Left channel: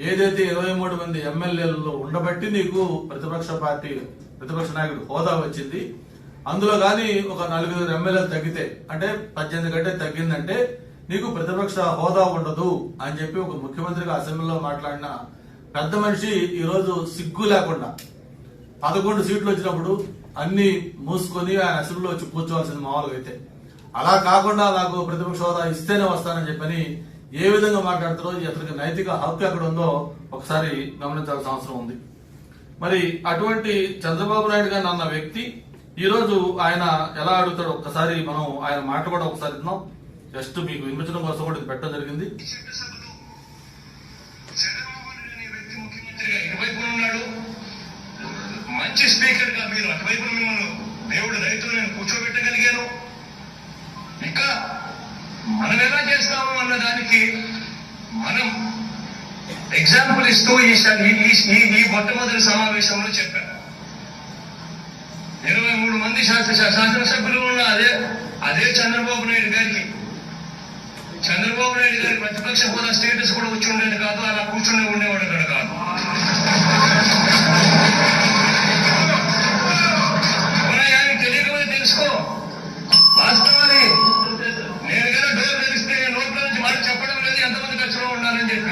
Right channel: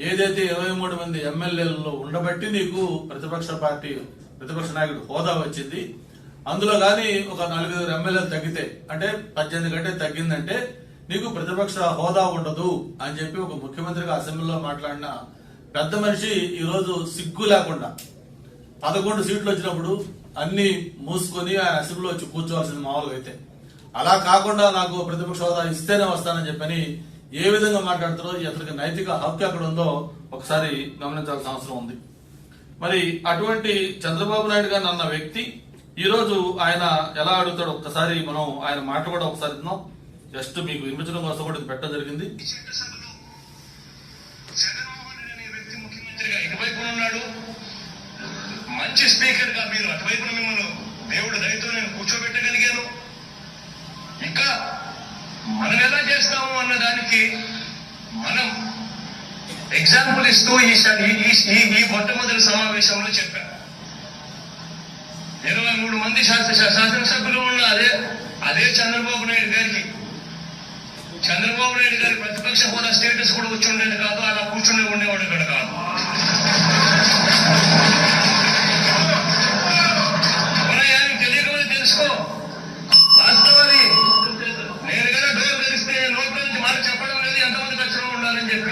ఏదైతే ఇరవై మూడు మంది ఎమ్మెల్యేలలో ఉండబట్టి నీకు ప్రతిపక్ష పార్టీ ప్రతిపక్ష నాయకుడు హోదా వచ్చింది. అందులో గాని ఒక నలుగురు ఎమ్మెల్యేలు తగ్గితే అంటే పద్దెనిమిది కంటే తగ్గిందంటే నీకు ప్రతిపక్ష హోదా ఉండదు అని చెప్పి ఒక ముఖ్యమంత్రిగా అసెంబ్లీలో మాట్లాడిన పెద్ద మనిషి ఈరోజు సిగ్గు లేకుండా పదకొండు సీట్లు వచ్చినప్పుడు అన్ని మూసుకొని ఆయన అసెంబ్లీలో వచ్చి కూర్చోవాల్సింది మామూలుగా అయితే. అలా కాకుండా నాకు ప్రతిపక్ష హోదా ఇస్తేనే వస్తానని చెప్పని ఏ విధంగా మాట్లాడుతారో అతనికి నైతిక హక్కు ఎక్కడ ఉందో ఒకసారి గమనించాల్సిన అవసరం ఉంది. మరి అటువంటి చంద్రబాబు నాయుడు గారు అన్న వ్యక్తి ఈ రోజు ఆయన ఎలా అడుగుతాడో ఒక్కసారి మనం ఆయన మాట కూడా ఒకసారి ఇద్దాం జస్ట్ మీకు వినిపించడం కోసం కూడా పెట్టడం జరిగింది. మంచి స్పీకర్గా మీరు అటువైపు మిమ్మల్ని దేవుడు దయతో నేను కూర్చోబెట్టగలిగాను. ఇంకా మనం ఎలా చేస్తాము అన్న దానికి మనం ఎగ్జాంపుల్ ఇస్తూ ఈసారి ఈ- ఈ- మొట్టమొదటి సమావేశంలో చెప్పాను. ఇరవై మూడు మంది శాసన శాసనసభ్యులు ఉన్న అదే అదే చంద్రబాబు నాయుడు గారికి. చంద్రబాబు నాయుడు గారి ప్రతిపక్ష హోదా స్టేటస్ కూడా వచ్చి ఉండేది కాదు. అలా కూర్చుని you